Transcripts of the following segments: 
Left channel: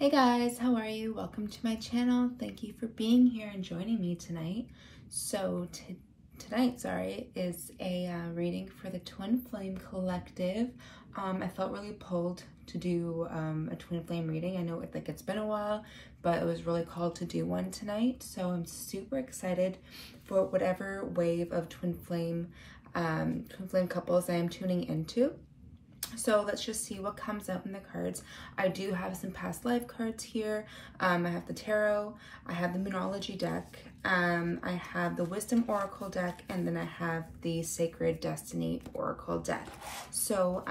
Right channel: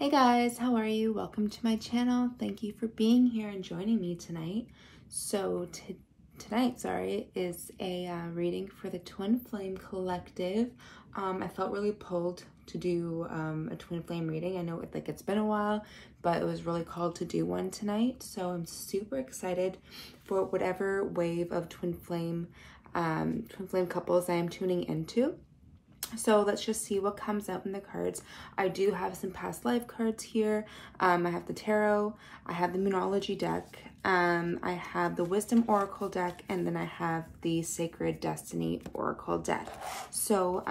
Hey guys, how are you? Welcome to my channel. Thank you for being here and joining me tonight. So tonight is a reading for the Twin Flame Collective. I felt really pulled to do a Twin Flame reading. I know it's been a while, but it was really called to do one tonight. So I'm super excited for whatever wave of Twin Flame couples I am tuning into. So let's just see what comes out in the cards. I do have some past life cards here. I have the tarot, I have the Moonology deck, I have the Wisdom Oracle deck, and then I have the Sacred Destiny Oracle deck. So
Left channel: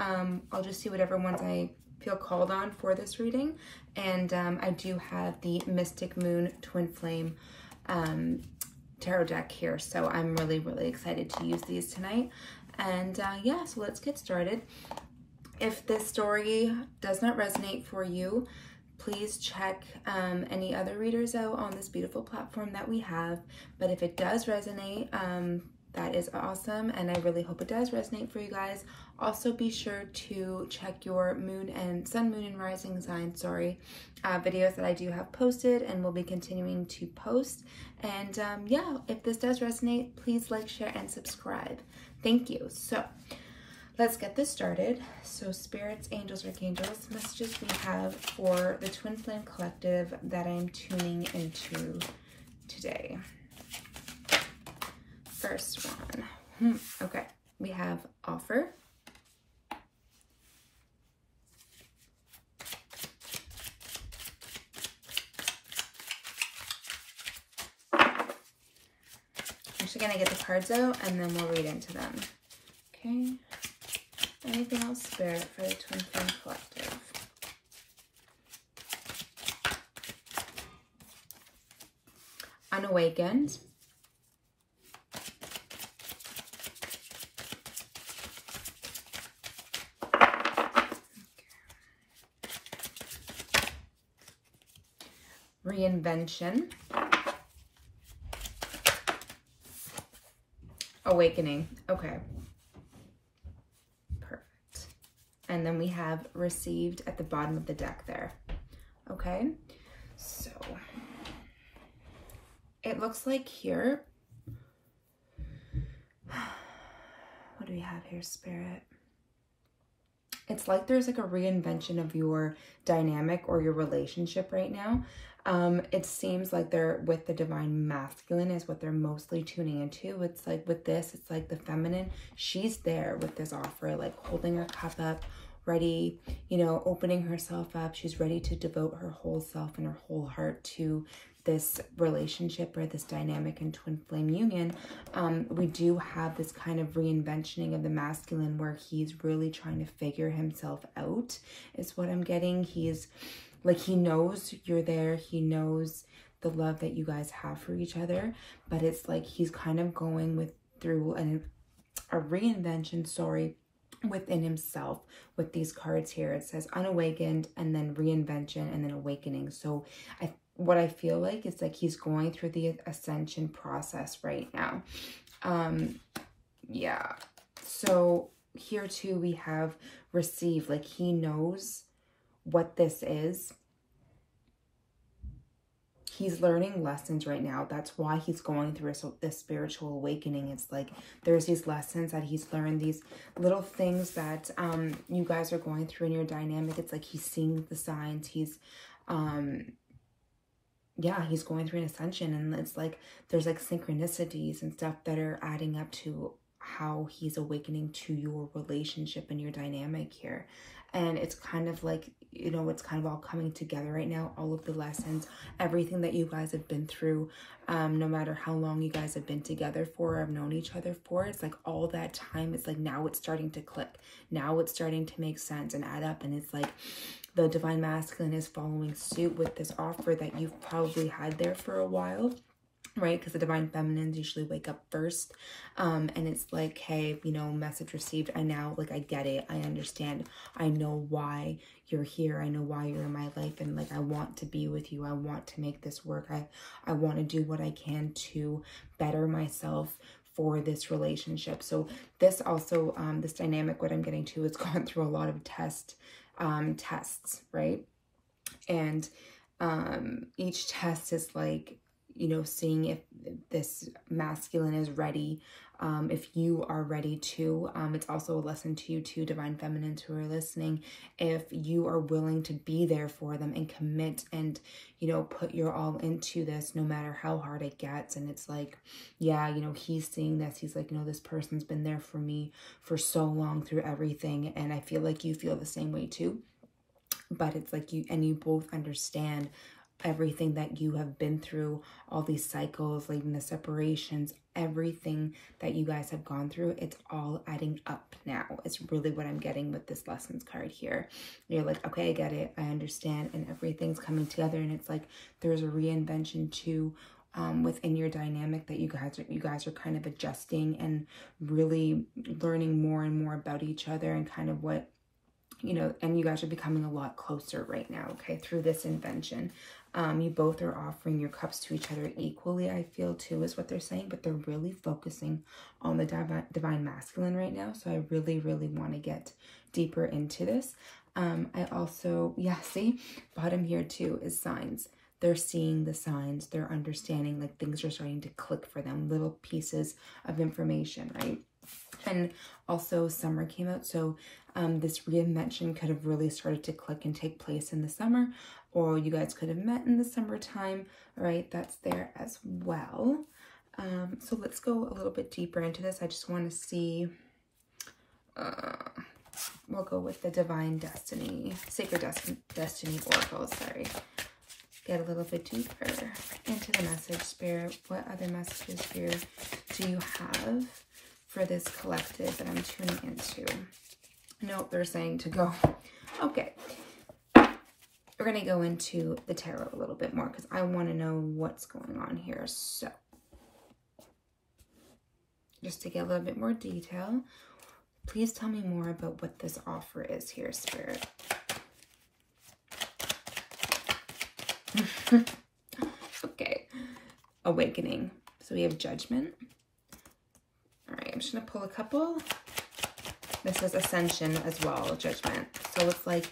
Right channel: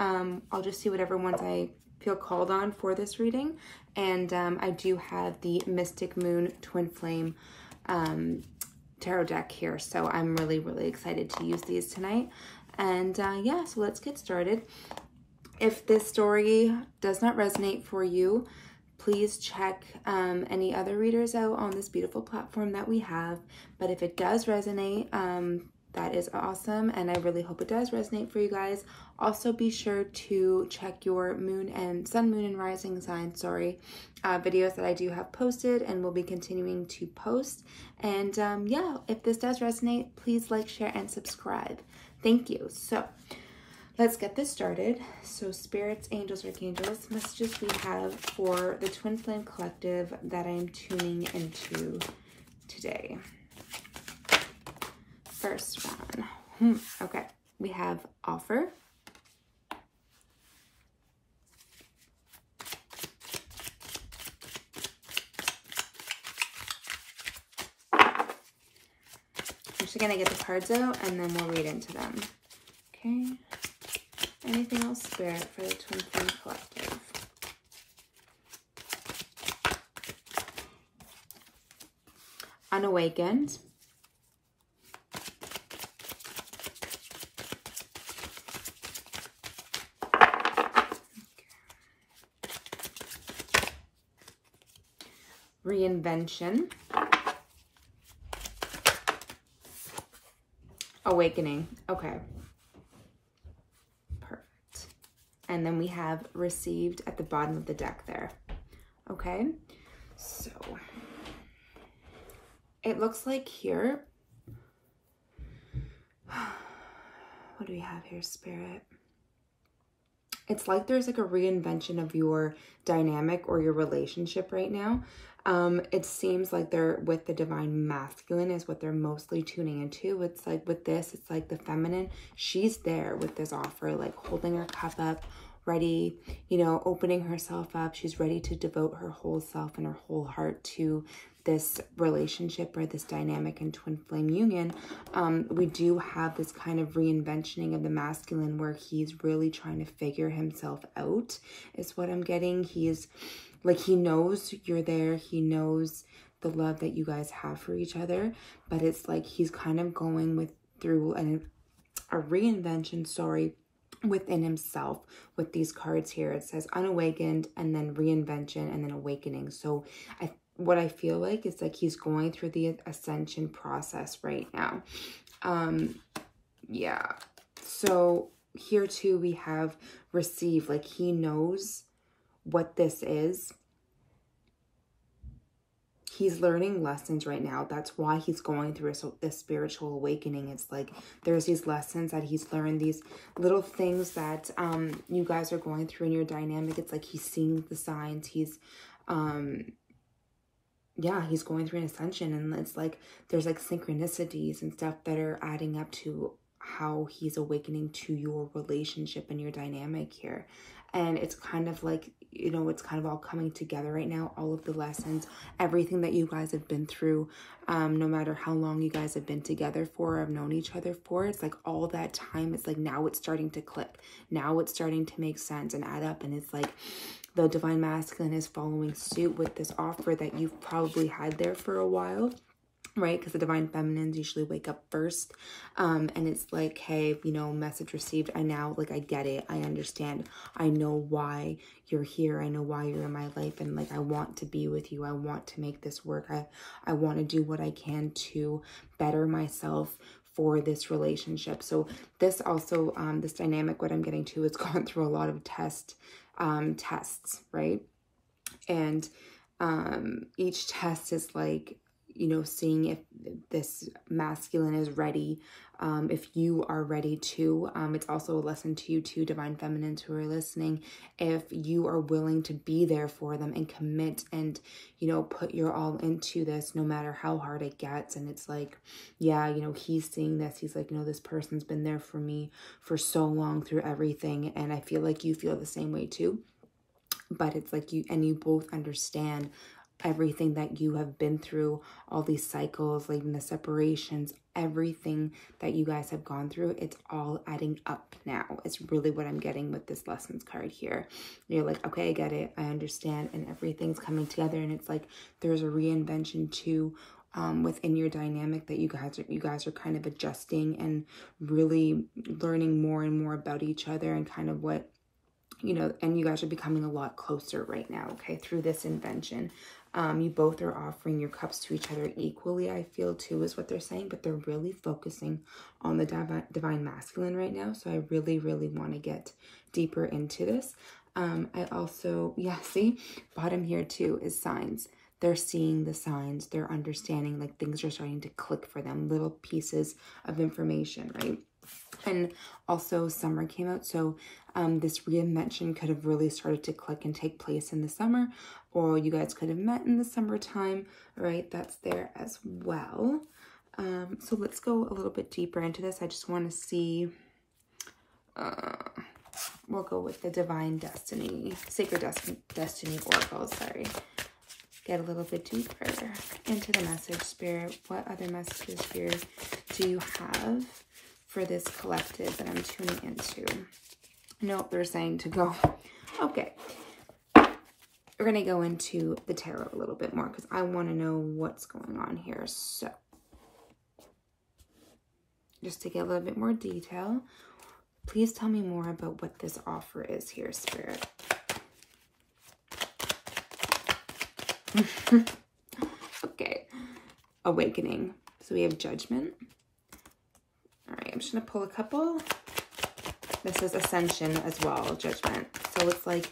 I'll just see whatever ones I feel called on for this reading. And I do have the Mystic Moon Twin Flame tarot deck here. So I'm really excited to use these tonight. And yeah, so let's get started. If this story does not resonate for you, please check any other readers out on this beautiful platform that we have. But if it does resonate, that is awesome. And I really hope it does resonate for you guys. Also be sure to check your moon and sun, moon, and rising sign, videos that I do have posted and will be continuing to post. And yeah, if this does resonate, please like, share, and subscribe. Thank you. So let's get this started. So spirits, angels, archangels, messages we have for the Twin Flame Collective that I am tuning into today. First one. Okay, we have offer. I'm just gonna get the cards out and then we'll read into them. Okay. Anything else, Spirit, for the Twin Flame Collective? Unawakened. Reinvention. Awakening. Okay. And then we have received at the bottom of the deck there. Okay, so it looks like here, what do we have here, Spirit? It's like there's like a reinvention of your dynamic or your relationship right now. It seems like they're with the divine masculine is what they're mostly tuning into. It's like with this, it's like the feminine. She's there with this offer, like holding her cup up, ready, you know, opening herself up. She's ready to devote her whole self and her whole heart to this relationship or this dynamic and twin flame union. We do have this kind of reinventioning of the masculine where he's really trying to figure himself out is what I'm getting. He's like, he knows you're there. He knows the love that you guys have for each other, but it's like he's kind of going through a reinvention, within himself with these cards here. It says unawakened and then reinvention and then awakening. So what I feel like is like he's going through the ascension process right now. Yeah. So here too, we have receive, like he knows what this is. He's learning lessons right now. That's why he's going through this spiritual awakening. It's like there's these lessons that he's learned, these little things that you guys are going through in your dynamic. It's like he's seeing the signs. He's yeah, he's going through an ascension, and it's like there's like synchronicities and stuff that are adding up to how he's awakening to your relationship and your dynamic here. And it's kind of like, you know, it's kind of all coming together right now. All of the lessons, everything that you guys have been through, no matter how long you guys have been together for or have known each other for, it's like all that time, it's like now it's starting to click. Now it's starting to make sense and add up. And it's like the divine masculine is following suit with this offer that you've probably had there for a while. Right, because the divine feminines usually wake up first, and it's like, hey, you know, message received. I get it. I understand. I know why you're here. I know why you're in my life, and like I want to be with you. I want to make this work. I want to do what I can to better myself for this relationship. So this also, this dynamic, what I'm getting to, is gone through a lot of tests, right? And each test is like, you know, seeing if this masculine is ready, if you are ready to. It's also a lesson to you too, divine feminines who are listening, if you are willing to be there for them and commit and, you know, put your all into this no matter how hard it gets. And it's like, yeah, you know, he's seeing this. He's like, you know, this person's been there for me for so long through everything. And I feel like you feel the same way too. But it's like you both understand everything that you have been through, all these cycles, like the separations, everything that you guys have gone through, it's all adding up now. It's really what I'm getting with this lessons card here. You're like, okay, I get it, I understand, and everything's coming together. And it's like there's a reinvention too within your dynamic that you guys are kind of adjusting and really learning more and more about each other and kind of what, you know, and you guys are becoming a lot closer right now, okay, through this invention. You both are offering your cups to each other equally, I feel too, is what they're saying, but they're really focusing on the divine masculine right now. So I really, really want to get deeper into this. I also, yeah, see, bottom here too is signs. They're seeing the signs, they're understanding, like things are starting to click for them, little pieces of information, right? And also summer came out, so this reinvention could have really started to click and take place in the summer, or you guys could have met in the summertime, right? That's there as well. So let's go a little bit deeper into this. I just want to see, we'll go with the divine destiny, sacred destiny oracle, sorry. Get a little bit deeper into the message, Spirit. What other messages here do you have for this collective that I'm tuning into? No, they're saying to go. Okay. We're going to go into the tarot a little bit more because I want to know what's going on here. So, just to get a little bit more detail, please tell me more about what this offer is here, Spirit. Okay. Awakening. So we have judgment. All right, I'm just going to pull a couple. This is ascension as well, judgment. So it's like,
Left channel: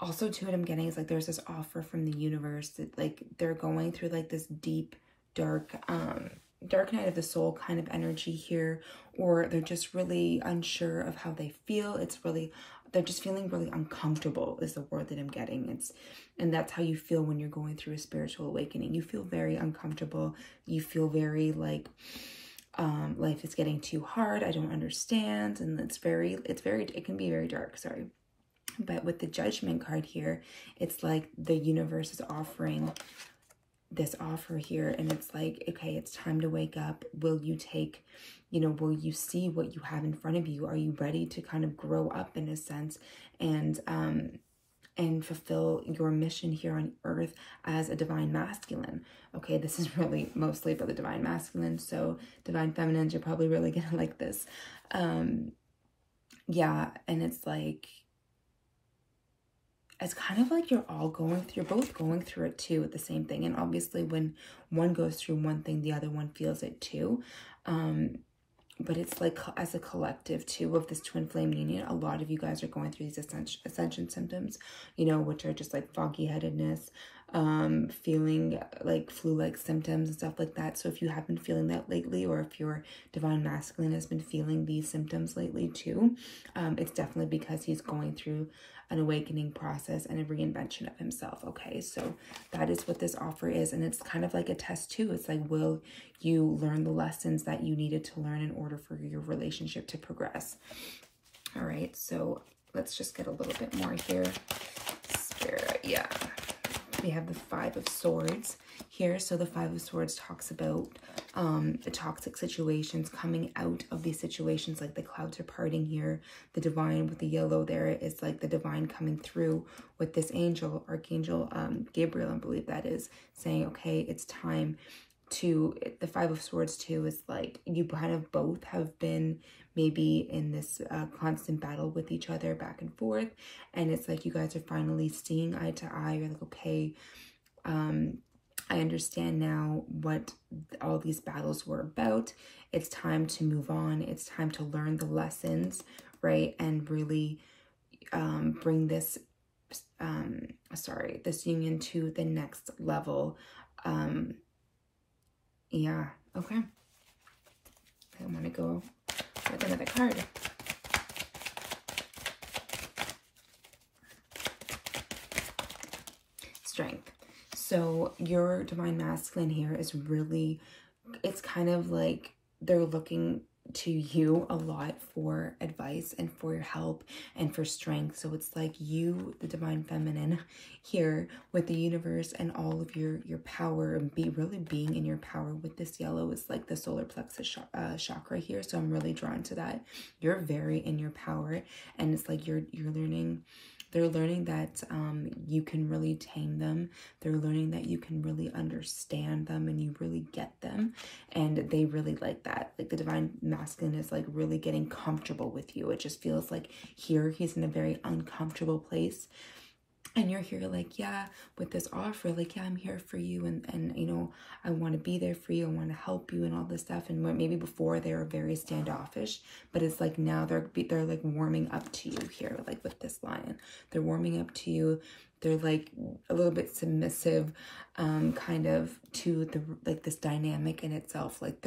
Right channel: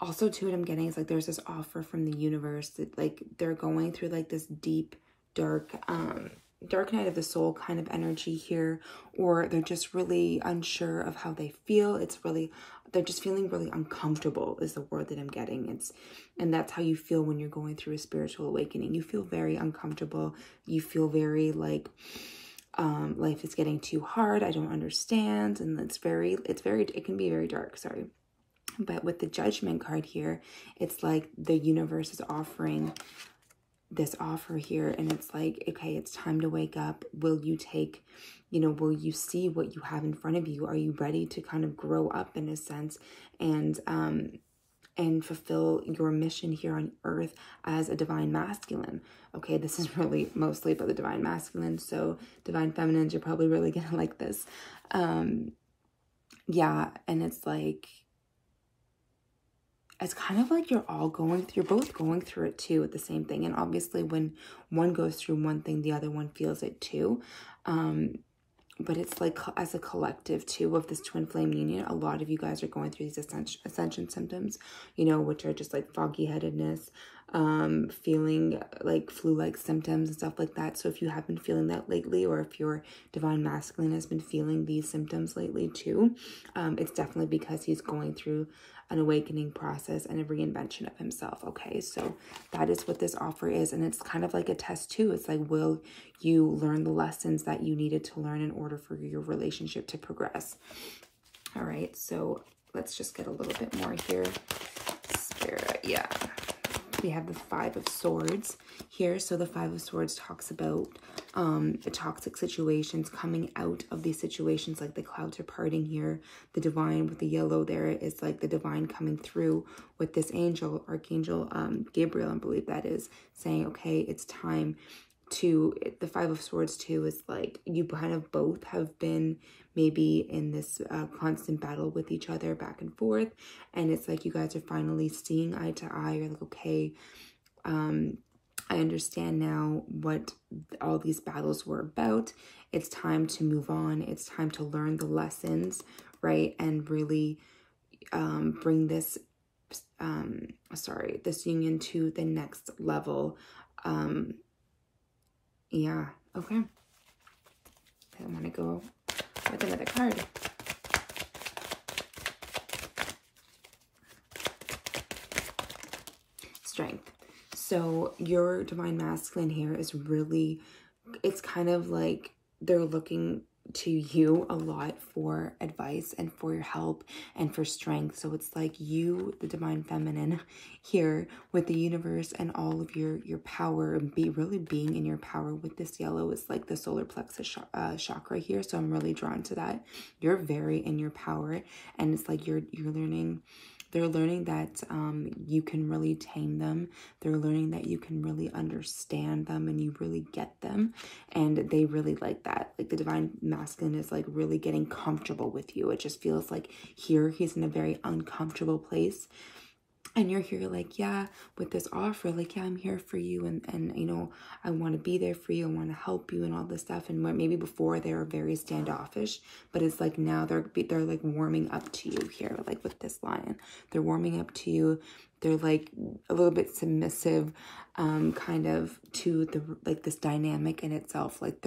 also too, what I'm getting is like there's this offer from the universe that like they're going through like this deep, dark night of the soul kind of energy here, or they're just really unsure of how they feel. It's really, they're just feeling really uncomfortable is the word that I'm getting. And that's how you feel when you're going through a spiritual awakening. You feel very uncomfortable. You feel very like, life is getting too hard. I don't understand. And it can be very dark, sorry. But with the judgment card here, it's like the universe is offering this offer here. And it's like, okay, it's time to wake up. Will you take, you know, will you see what you have in front of you? Are you ready to kind of grow up in a sense and fulfill your mission here on earth as a divine masculine? Okay, this is really mostly about the divine masculine, so divine feminines, you're probably really gonna like this. Yeah, and it's like, it's kind of like you're both going through it too at the same thing. And obviously when one goes through one thing, the other one feels it too. But it's like as a collective too of this twin flame union, a lot of you guys are going through these ascension symptoms, you know, which are just like foggy headedness, feeling like flu-like symptoms and stuff like that. So if you have been feeling that lately, or if your divine masculine has been feeling these symptoms lately too, it's definitely because he's going through an awakening process and a reinvention of himself. Okay, so that is what this offer is. And it's kind of like a test too. It's like, will you learn the lessons that you needed to learn in order for your relationship to progress? All right, so let's just get a little bit more here. Spirit, yeah. We have the Five of Swords here. So the Five of Swords talks about the toxic situations, coming out of these situations, like the clouds are parting here. The divine with the yellow there is like the divine coming through with this angel, Archangel Gabriel, I believe that is, saying, okay, it's time to, the Five of Swords too is like you kind of both have been maybe in this constant battle with each other back and forth, and it's like you guys are finally seeing eye to eye. You're like, okay, I understand now what all these battles were about. It's time to move on. It's time to learn the lessons, right? And really bring this this union to the next level. Yeah, okay. I want to go with another card. Strength. So your divine masculine here is really, it's kind of like they're looking to you a lot for advice and for your help and for strength. So it's like you, the divine feminine here with the universe and all of your power, and really being in your power with this yellow is like the solar plexus chakra here. So I'm really drawn to that. You're very in your power, and it's like you're learning. They're learning that you can really tame them. They're learning that you can really understand them and you really get them. And they really like that. Like the divine masculine is like really getting comfortable with you. It just feels like here he's in a very uncomfortable place. And you're here like, yeah, with this offer, like, yeah, I'm here for you. And you know, I want to be there for you. I want to help you and all this stuff. And maybe before they were very standoffish, but it's like now they're like warming up to you here, like with this lion. They're warming up to you. They're like a little bit submissive, kind of to the, like this dynamic in itself. Like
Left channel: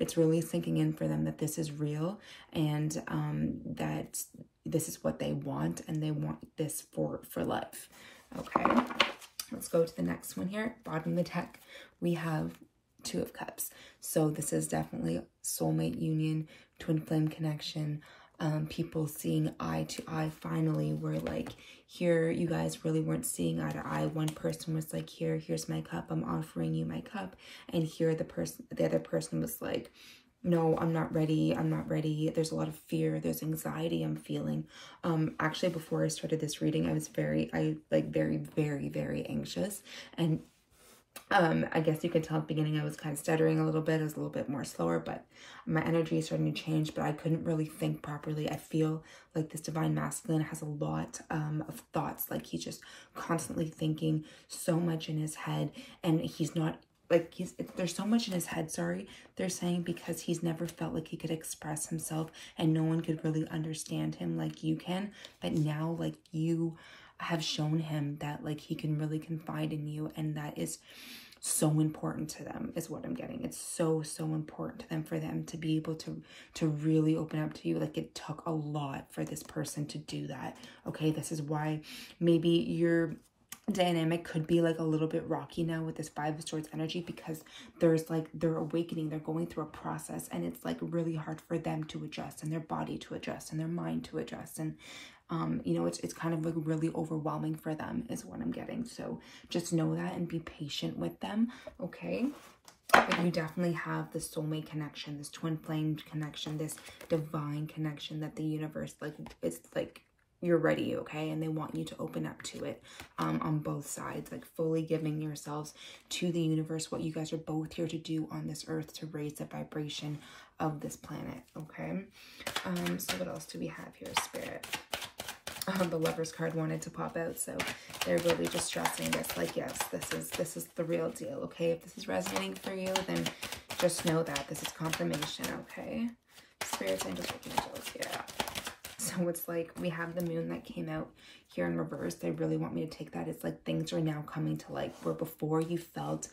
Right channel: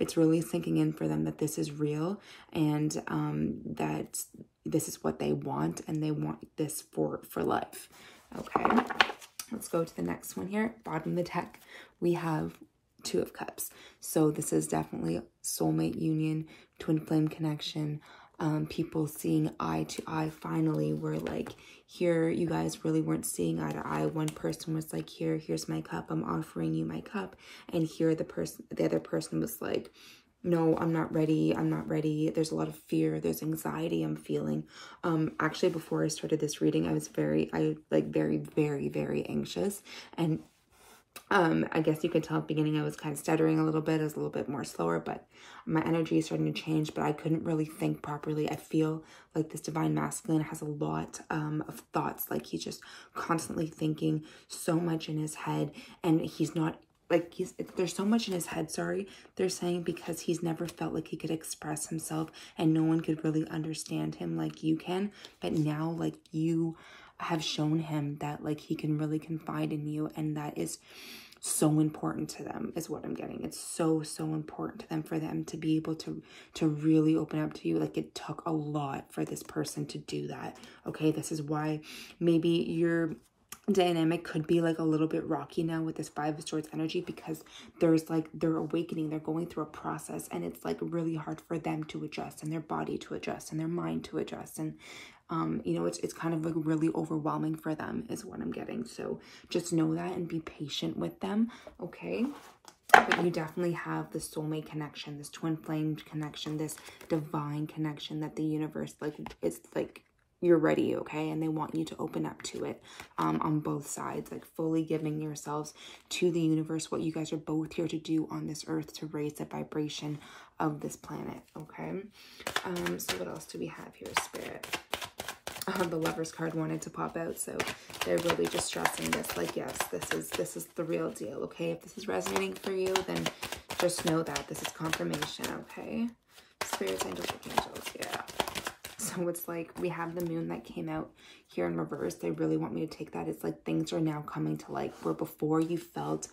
it's really sinking in for them that this is real and that this is what they want, and they want this for life. Okay, let's go to the next one here. Bottom of the deck, we have Two of Cups. So this is definitely soulmate union, twin flame connection, people seeing eye to eye finally, where like here you guys really weren't seeing eye to eye. One person was like, here's my cup, I'm offering you my cup. And here the other person was like, no, I'm not ready. I'm not ready. There's a lot of fear. There's anxiety I'm feeling. Actually, before I started this reading, I was very, very anxious. And I guess you could tell at the beginning I was kind of stuttering a little bit. I was a little bit more slower, but my energy is starting to change, but I couldn't really think properly. I feel like this divine masculine has a lot of thoughts. Like he's just constantly thinking so much in his head, and he's not like there's so much in his head, sorry, they're saying, because he's never felt like he could express himself and no one could really understand him like you can. But now, like, you have shown him that like he can really confide in you, and that is so important to them, is what I'm getting. It's so important to them, for them to be able to really open up to you. Like it took a lot for this person to do that. Okay, this is why maybe you're dynamic could be like a little bit rocky now with this Five of Swords energy, because there's like, they're awakening, they're going through a process, and it's like really hard for them to adjust, and their body to adjust, and their mind to adjust, and you know, it's kind of like really overwhelming for them, is what I'm getting. So just know that and be patient with them, okay? But you definitely have the soulmate connection, this twin flame connection, this divine connection that the universe, like, it's like you're ready, okay? And they want you to open up to it on both sides, like fully giving yourselves to the universe, what you guys are both here to do on this earth, to raise the vibration of this planet, okay? So what else do we have here, Spirit? The Lover's card wanted to pop out, so they're really just stressing this, like, yes, this is the real deal, okay? If this is resonating for you, then just know that this is confirmation, okay? Spirits, angels, yeah. So it's like we have the moon that came out here in reverse. They really want me to take that. It's like things are now coming to light, where before you felt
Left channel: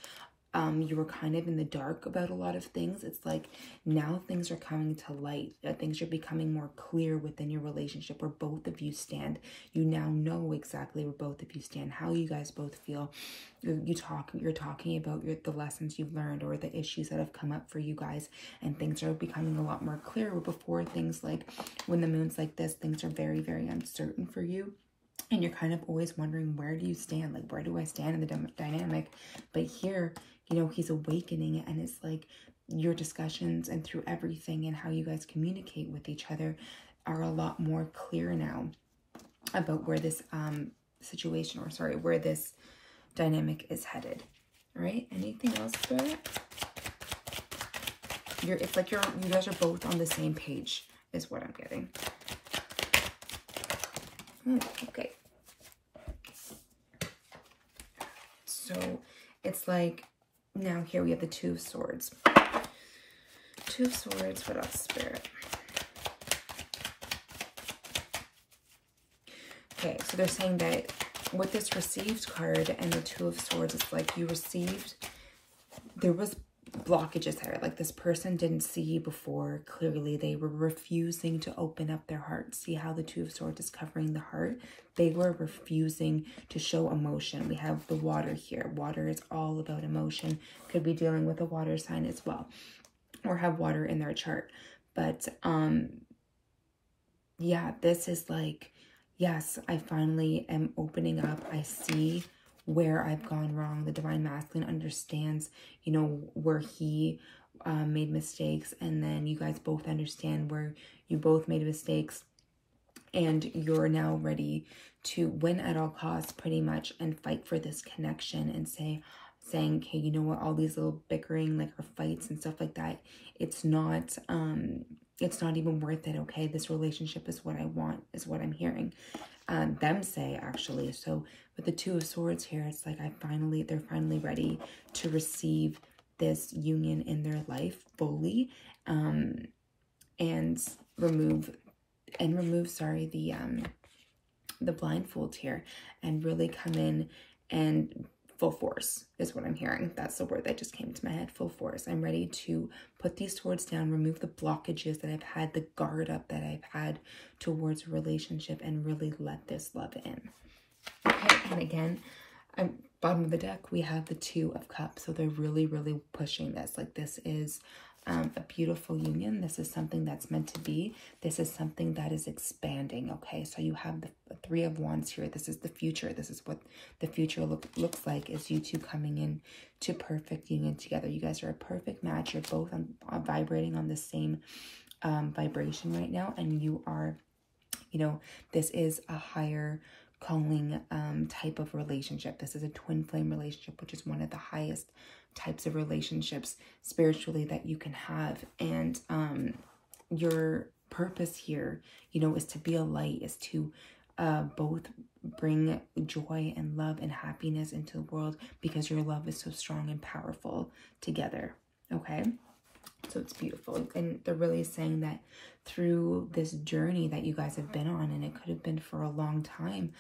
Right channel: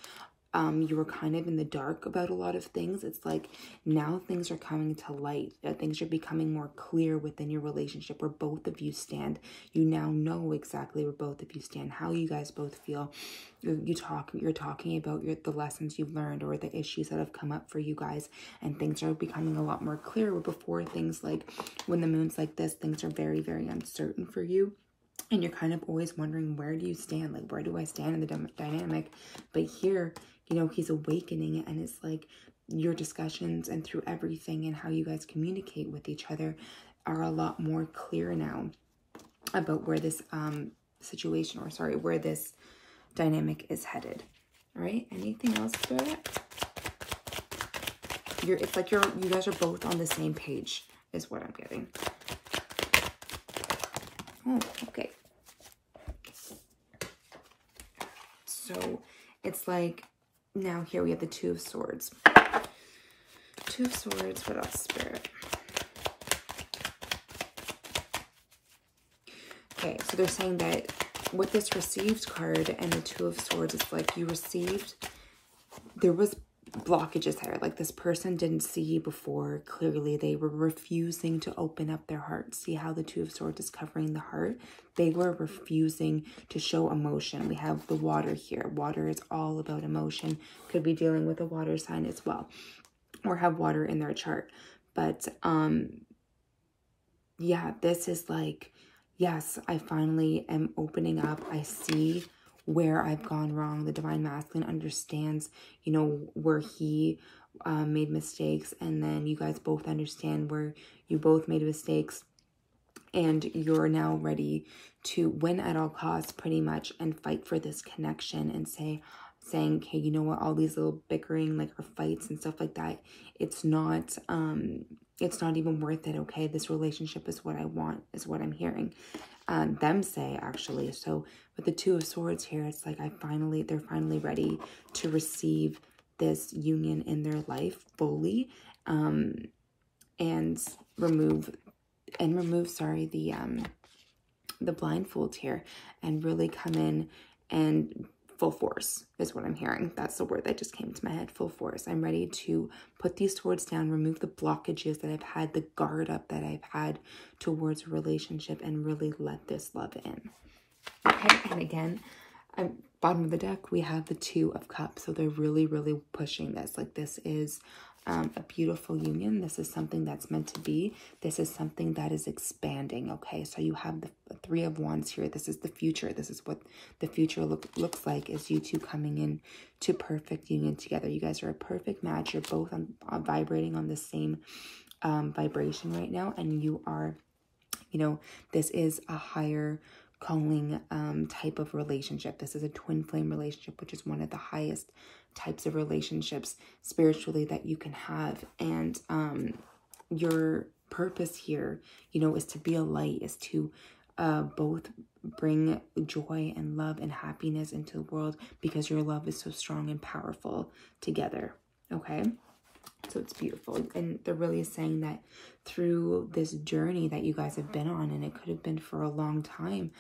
you were kind of in the dark about a lot of things. It's like now things are coming to light. Things are becoming more clear within your relationship, where both of you stand. You now know exactly where both of you stand, how you guys both feel. You're talking about the lessons you've learned, or the issues that have come up for you guys, and things are becoming a lot more clear. Before, things like when the moon's like this, things are very uncertain for you, and you're kind of always wondering, where do you stand? Like, where do I stand in the dynamic? But here, you know, he's awakening, and it's like your discussions and through everything and how you guys communicate with each other are a lot more clear now about where this situation, or sorry, where this dynamic is headed. All right, anything else, Spirit? It's like you guys are both on the same page, is what I'm getting. Oh, okay. So it's like, now here we have the Two of Swords. Two of Swords, what else, Spirit? Okay, so they're saying that with this received card and the Two of Swords, it's like you received, there was blockages there. Like this person didn't see before clearly. They were refusing to open up their heart. See how the Two of Swords is covering the heart? They were refusing to show emotion. We have the water here. Water is all about emotion. Could be dealing with a water sign as well, or have water in their chart. But yeah, this is like, yes, I finally am opening up. I see where I've gone wrong. The Divine Masculine understands, you know, where he made mistakes, and then you guys both understand where you both made mistakes, and you're now ready to win at all costs pretty much and fight for this connection and saying, okay, you know what, all these little bickering, like, or fights and stuff like that, it's not even worth it. Okay, this relationship is what I want, is what I'm hearing them say, actually. So with the Two of Swords here, it's like they're finally ready to receive this union in their life fully, and remove the blindfold here, and really come in and full force is what I'm hearing. That's the word that just came to my head, full force. I'm ready to put these swords down, remove the blockages that I've had, the guard up that I've had towards a relationship, and really let this love in. Okay, and again, bottom of the deck, we have the Two of Cups. So they're really, really pushing this. Like, this is a beautiful union. This is something that's meant to be. This is something that is expanding. Okay, so you have the Three of Wands here. This is the future. This is what the future looks like, is you two coming in to perfect union together. You guys are a perfect match. You're both vibrating on the same vibration right now, and you are, you know, this is a higher calling type of relationship. This is a twin flame relationship, which is one of the highest types of relationships spiritually that you can have. And your purpose here, you know, is to be a light, is to both bring joy and love and happiness into the world, because your love is so strong and powerful together. Okay, so it's beautiful. And they're really saying that through this journey that you guys have been on, and it could have been for a long time,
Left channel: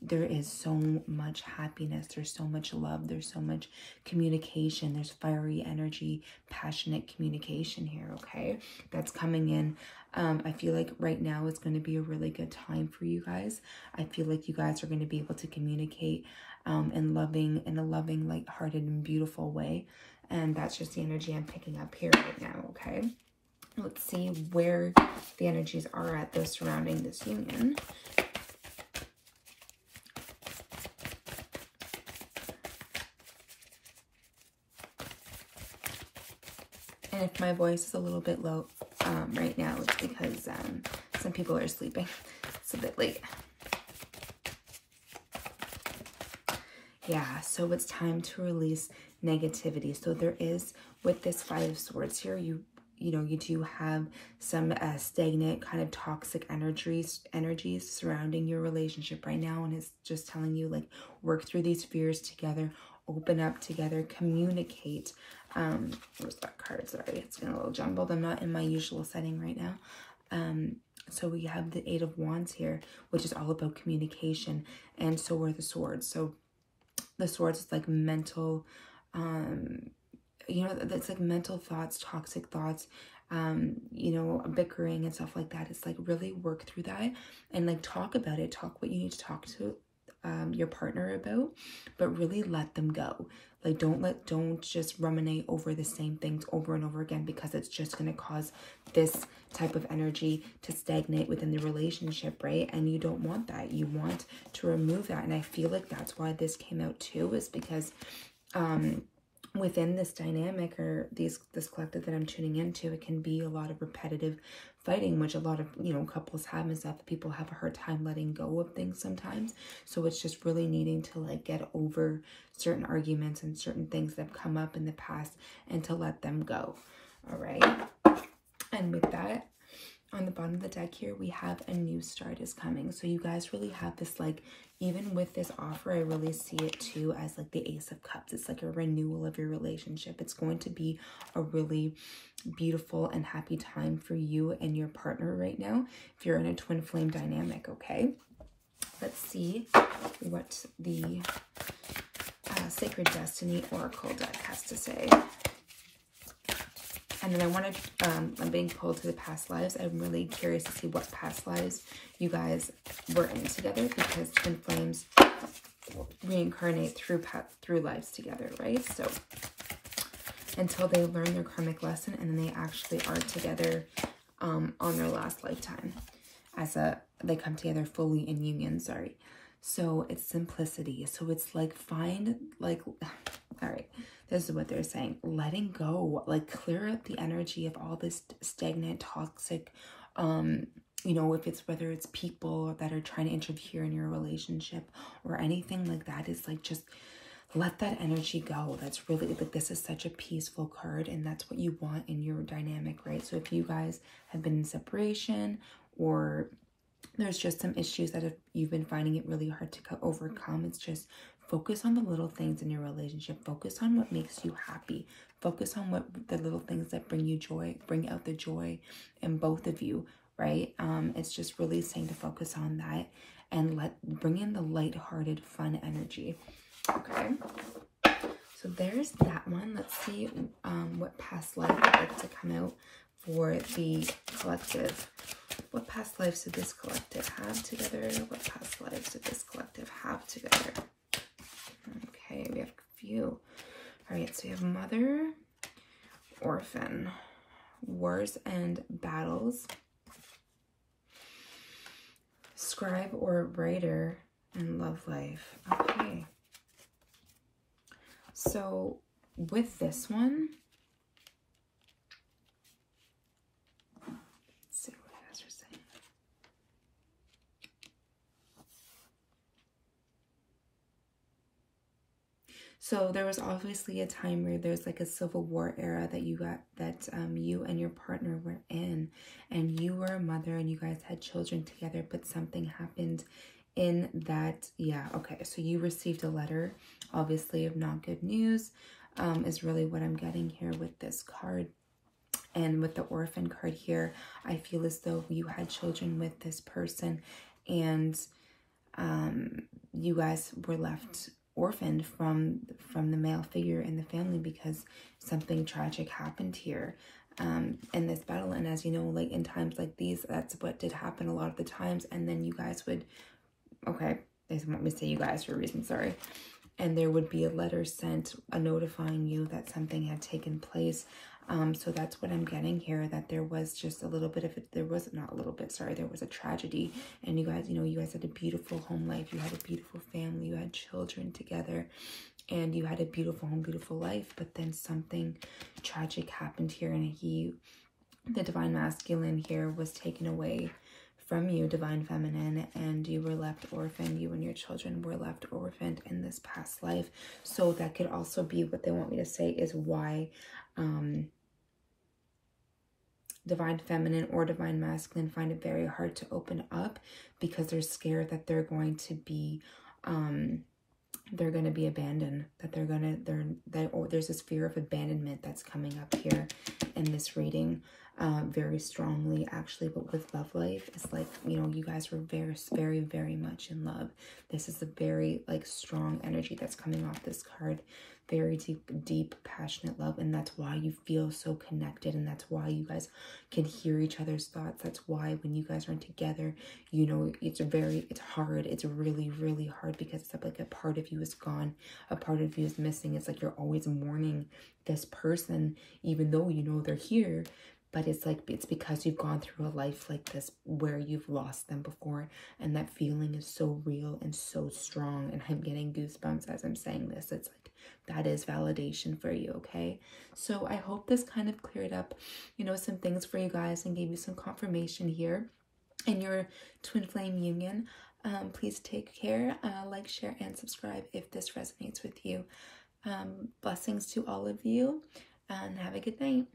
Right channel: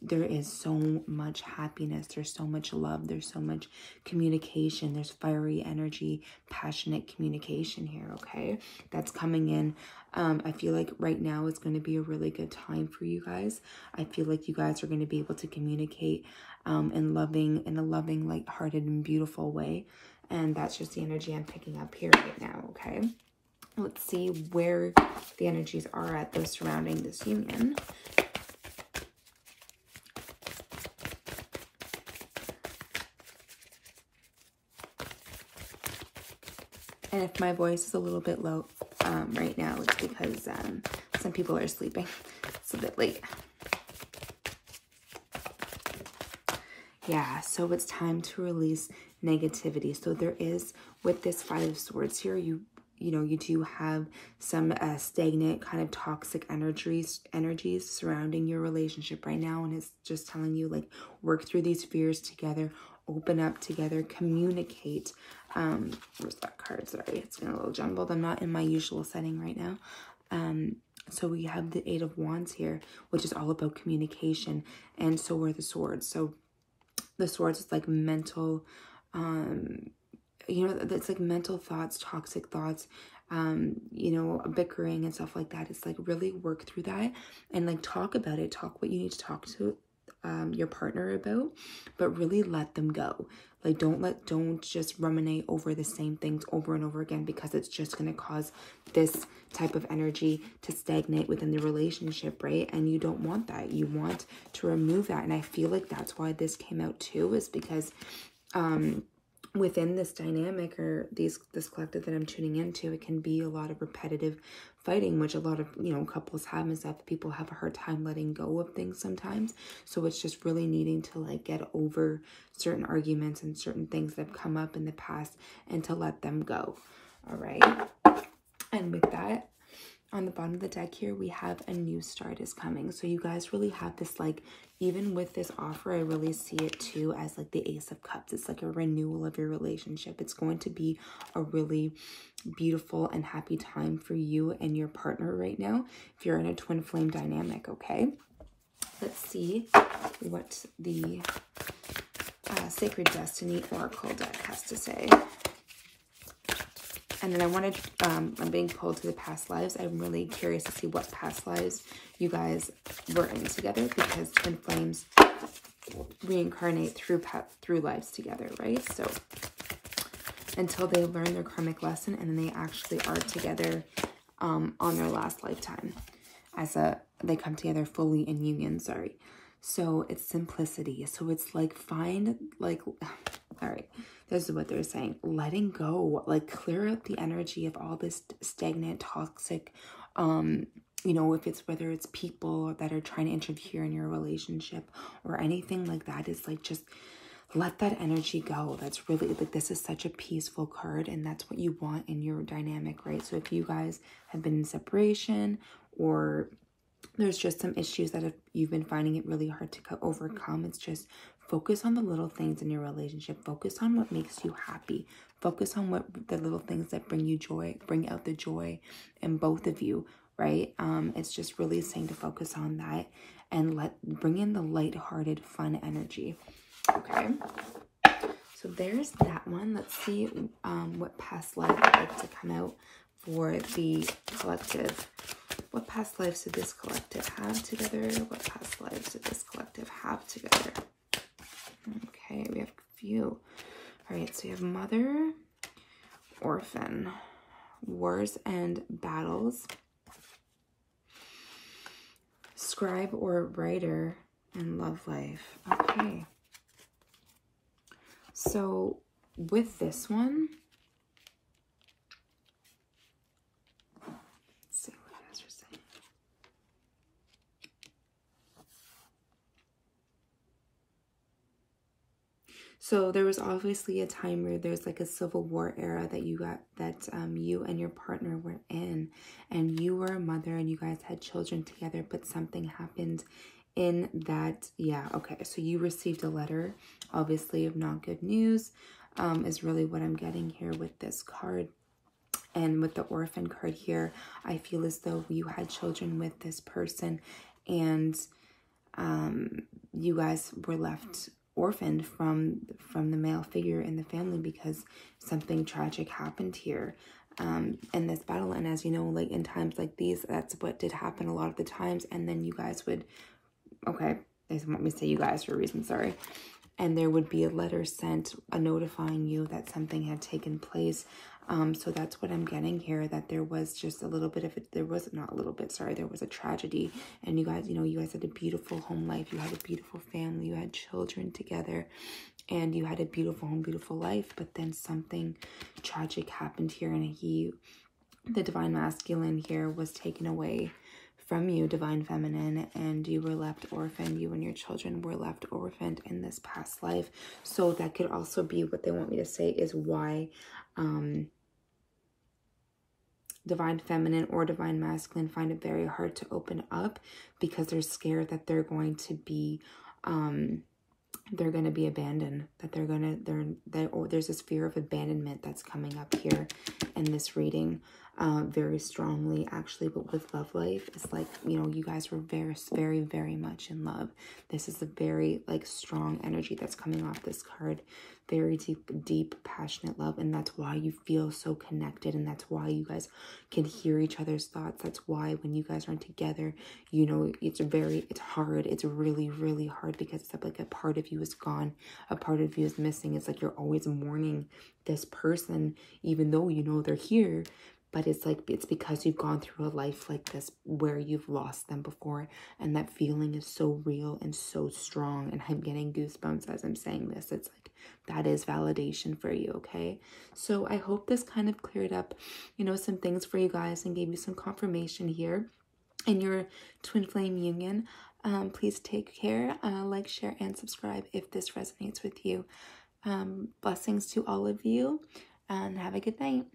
there is so much happiness, there's so much love, there's so much communication, there's fiery energy, passionate communication here. Okay, that's coming in. I feel like right now is going to be a really good time for you guys. I feel like you guys are going to be able to communicate in a loving, lighthearted, and beautiful way. And that's just the energy I'm picking up here right now. Okay, let's see where the energies are at there surrounding this union. And if my voice is a little bit low right now, it's because some people are sleeping. It's a bit late. Yeah, so it's time to release negativity. So there is, with this Five of Swords here, you know, you do have some stagnant, kind of toxic energies surrounding your relationship right now. And it's just telling you, like, work through these fears together, open up together, communicate. Where's that card? Sorry, it's getting a little jumbled. I'm not in my usual setting right now. So we have the Eight of Wands here, which is all about communication, and so are the Swords. So the Swords is like mental, you know, that's like mental thoughts, toxic thoughts, you know, bickering and stuff like that. It's like really work through that and like talk about it. Talk what you need to talk to your partner about, but really let them go. Like, don't just ruminate over the same things over and over again, because it's just going to cause this type of energy to stagnate within the relationship, right? And you don't want that. You want to remove that. And I feel like that's why this came out too, is because within this dynamic, or this collective that I'm tuning into, it can be a lot of repetitive fighting, which a lot of, you know, couples have, and stuff. People have a hard time letting go of things sometimes. So it's just really needing to like get over certain arguments and certain things that have come up in the past, and to let them go. All right. And with that, on the bottom of the deck here, we have a new start is coming. So you guys really have this, like, even with this offer, I really see it too as like the Ace of Cups. It's like a renewal of your relationship. It's going to be a really beautiful and happy time for you and your partner right now, if you're in a twin flame dynamic. Okay, let's see what the Sacred Destiny Oracle deck has to say. And then I wanted, I'm being pulled to the past lives. I'm really curious to see what past lives you guys were in together, because twin flames reincarnate through lives together, right? So until they learn their karmic lesson, and then they actually are together on their last lifetime. They come together fully in union, sorry. So it's simplicity. So it's like all right, this is what they're saying. Letting go, like clear up the energy of all this stagnant, toxic, you know, whether it's people that are trying to interfere in your relationship or anything like that, is like, just let that energy go. That's really, like, this is such a peaceful card, and that's what you want in your dynamic, right? So if you guys have been in separation, or there's just some issues that you've been finding it really hard to overcome, it's just focus on the little things in your relationship. Focus on what makes you happy. Focus on what the little things that bring you joy, bring out the joy in both of you, right? It's just really saying to focus on that and bring in the lighthearted, fun energy. Okay, so there's that one. Let's see what past life would like to come out for the collective. What past lives did this collective have together? What past lives did this collective have together? Okay, we have a few. All right, so we have mother, orphan, wars and battles, scribe or writer, and love life. Okay. So with this one, let's see what you guys are saying. So there was obviously a time where there's like a civil war era that you and your partner were in, and you were a mother and you guys had children together, but something happened in that. Yeah, okay, so you received a letter, obviously, of not good news, is really what I'm getting here with this card. And with the orphan card here, I feel as though you had children with this person, and you guys were left orphaned from the male figure in the family because something tragic happened here in this battle. And as you know, like in times like these, that's what did happen a lot of the times. And then you guys would, okay, they want me to say you guys for a reason, sorry. And there would be a letter sent notifying you that something had taken place. So that's what I'm getting here, that there was just a little bit of it. There was not a little bit, sorry, there was a tragedy. And you guys, you know, you guys had a beautiful home life. You had a beautiful family. You had children together. And you had a beautiful home, beautiful life. But then something tragic happened here. And the divine masculine here was taken away from you, divine feminine, and you were left orphaned. You and your children were left orphaned in this past life. So that could also be what they want me to say, is why divine feminine or divine masculine find it very hard to open up, because they're scared that they're going to be abandoned, that there's this fear of abandonment that's coming up here in this reading very strongly, actually. But with love life, it's like, you know, you guys were very, very, very much in love. This is a very like strong energy that's coming off this card. Very deep, passionate love. And that's why you feel so connected. And that's why you guys can hear each other's thoughts. That's why when you guys aren't together, you know, it's hard. It's really, really hard, because it's like a part of you is gone. A part of you is missing. It's like you're always mourning this person, even though you know they're here. But it's like, it's because you've gone through a life like this where you've lost them before. And that feeling is so real and so strong. And I'm getting goosebumps as I'm saying this. It's like, that is validation for you, okay? So I hope this kind of cleared up, you know, some things for you guys and gave you some confirmation here in your twin flame union. Please take care. Like, share, and subscribe if this resonates with you. Blessings to all of you, and have a good night.